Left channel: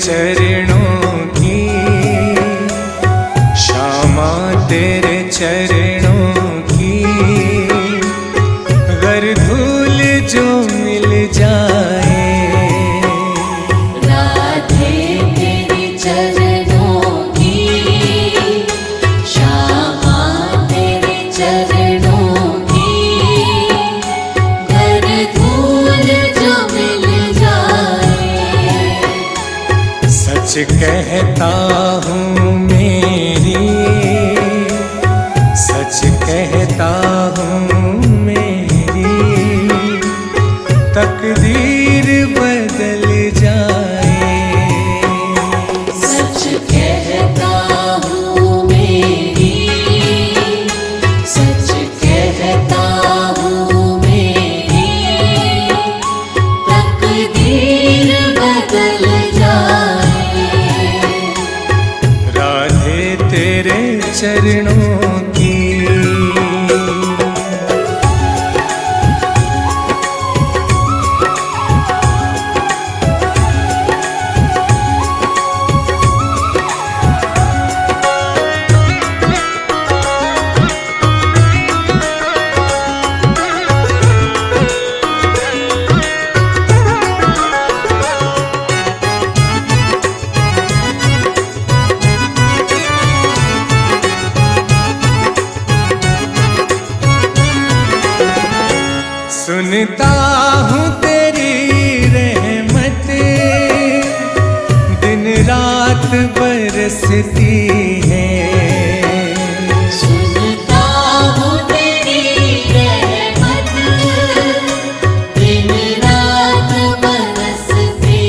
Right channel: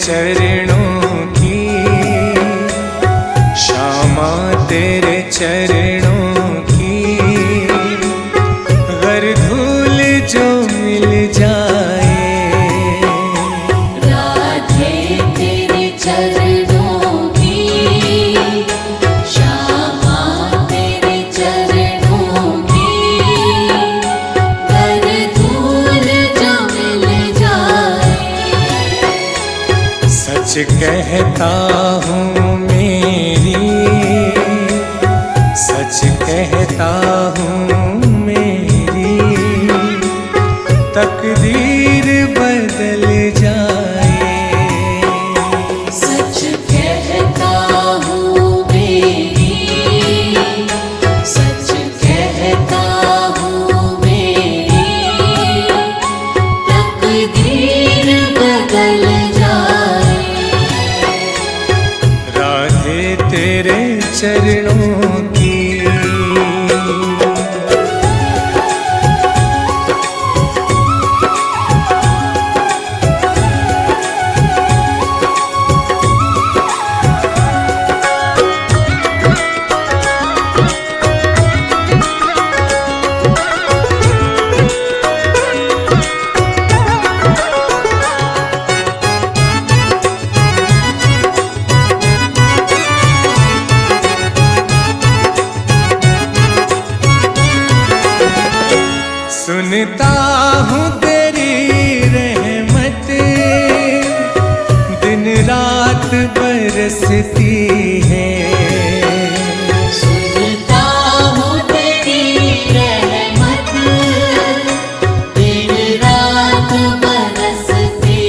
चरणों की, श्यामा तेरे चरणों की। गर धूल जो मिल जाए, राधे तेरे चरणों की, श्यामा तेरे चरणों की। गर धूल जो मिल जाए, सच कहता हूँ मेरी, सच कहता हूँ मेरी, तकदीर बदल जाए। सच कहता हूँ मेरी, सच कहता हूँ मेरी, तकदीर बदल जाए। राधे तेरे चरणों की। सुनता हूँ तेरी रहमत, दिन रात बरसती है। सुनता हूँ तेरी रहमत, दिन रात बरसती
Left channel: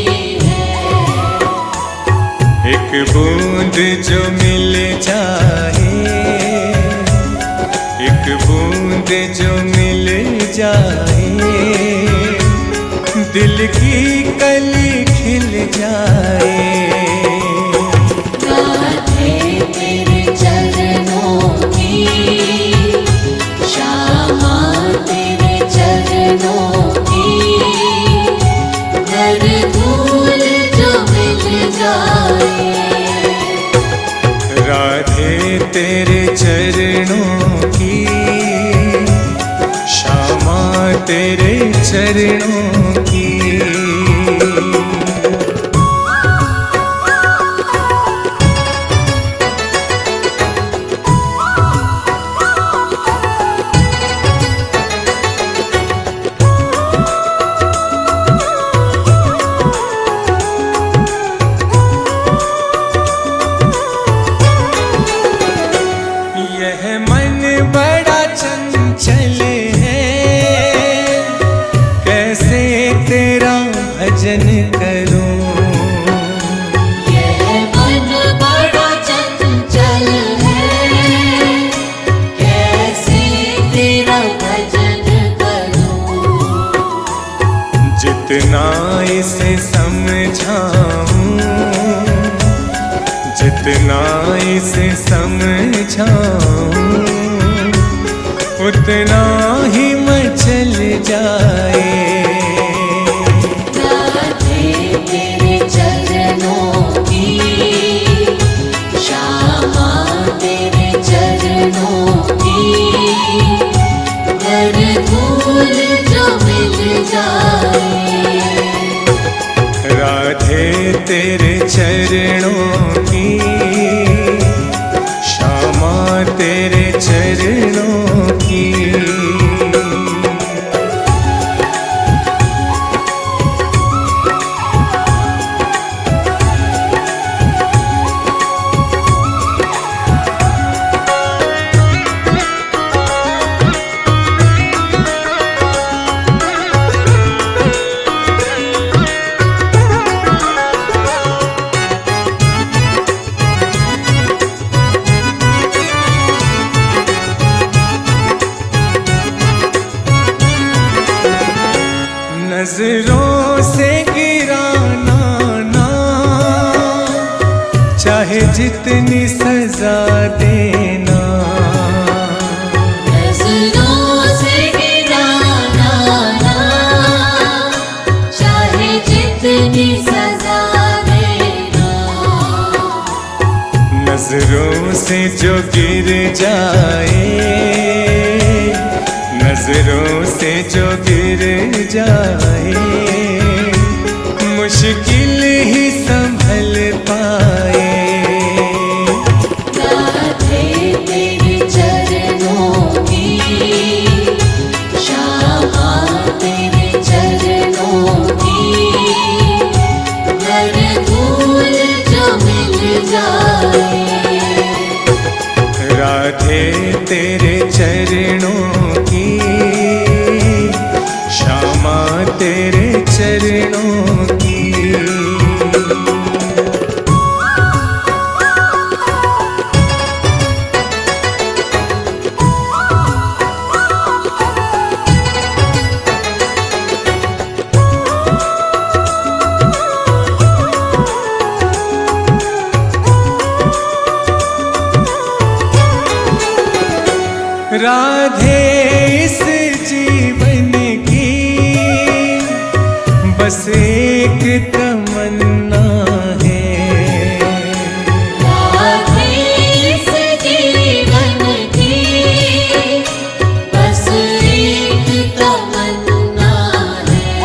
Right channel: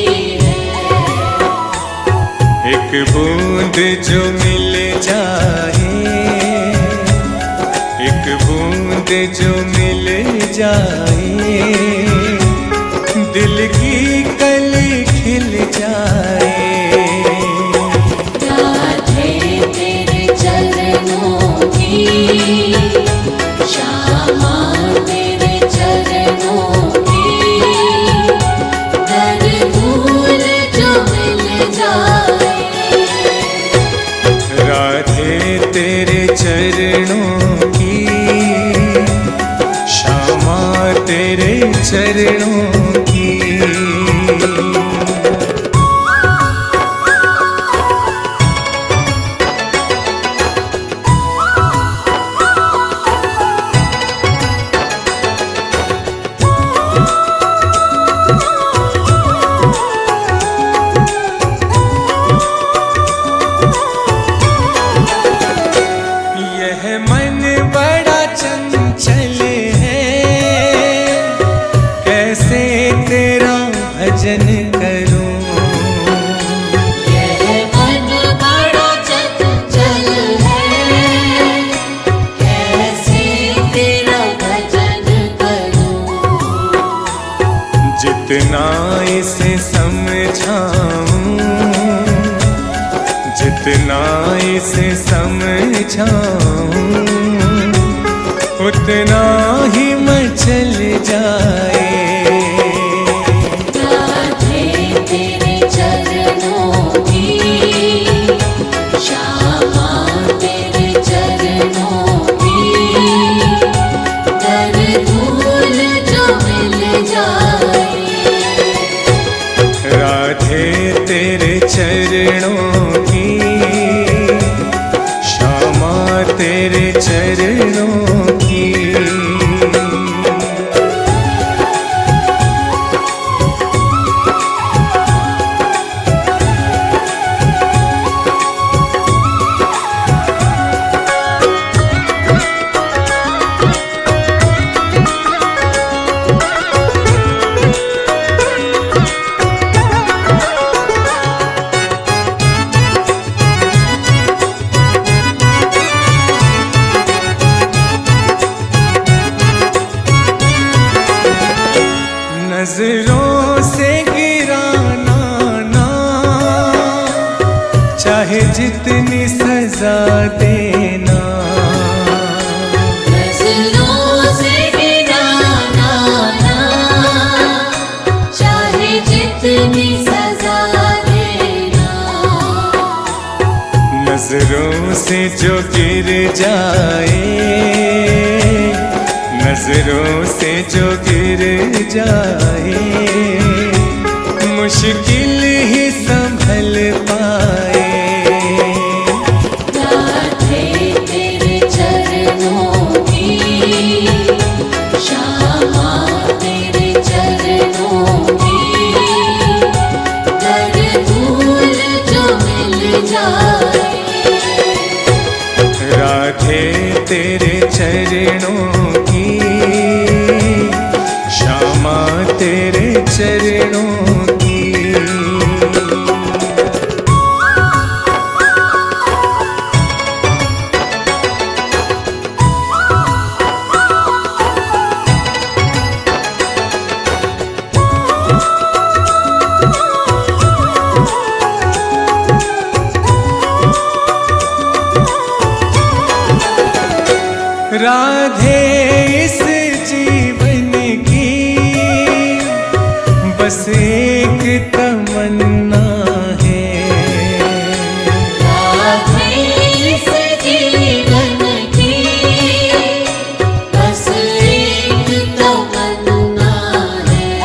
है। एक बूंद जो मिल जाए, एक बूंद जो मिल जाए, दिल की कली खिल जाए। राधे तेरे चरणों की, श्यामा तेरे चरणों की। गर धूल जो मिल जाए, राधे तेरे चरणों की, श्यामा तेरे चरणों की। यह मन बड़ा चंचल है, कैसे तेरा भजन करूं। यह मन बड़ा चंचल है, कैसे तेरा भजन करूं। जितना इसे समझाऊं, जितना इसे समझाऊं, उतना ही मचल जाए। राधे तेरे चरणों की, श्यामा तेरे चरणों की। गर धूल जो मिल जाए, राधे तेरे चरणों की, श्यामा तेरे चरणों की। नजरों से गिराना ना, चाहे जितनी सजा देना। नजरों से गिराना ना, चाहे जितनी सजा देना। नजरों से जो गिर जाए, नजरों से जो गिर जाए, मुश्किल ही संभल पाए। राधे तेरे चरणों की, श्यामा तेरे चरणों की, हर धूल जो मिल जाए। राधे तेरे चरणों की, श्यामा तेरे चरणों की। राधे इस जीवन की बस एक तमन्ना है। राधे इस जीवन की बस एक तमन्ना है।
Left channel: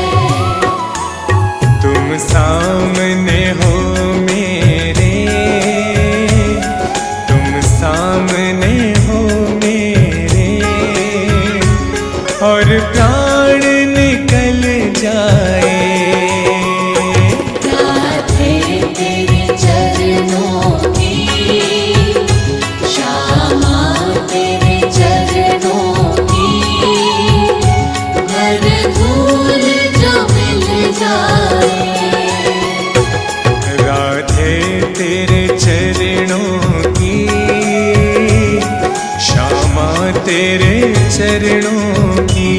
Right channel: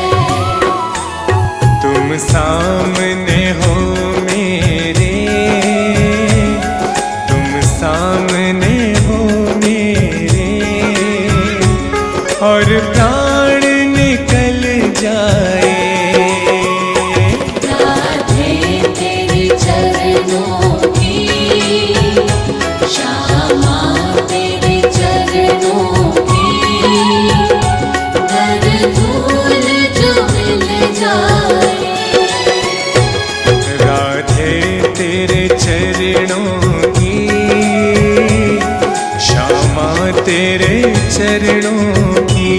तुम सामने हो मेरे, तुम सामने हो मेरे, और प्राण निकल जाए। राधे तेरे चरणों की, श्यामा तेरे चरणों की, हर धूल जो मिल जाए। राधे तेरे चरणों की, श्यामा तेरे चरणों की।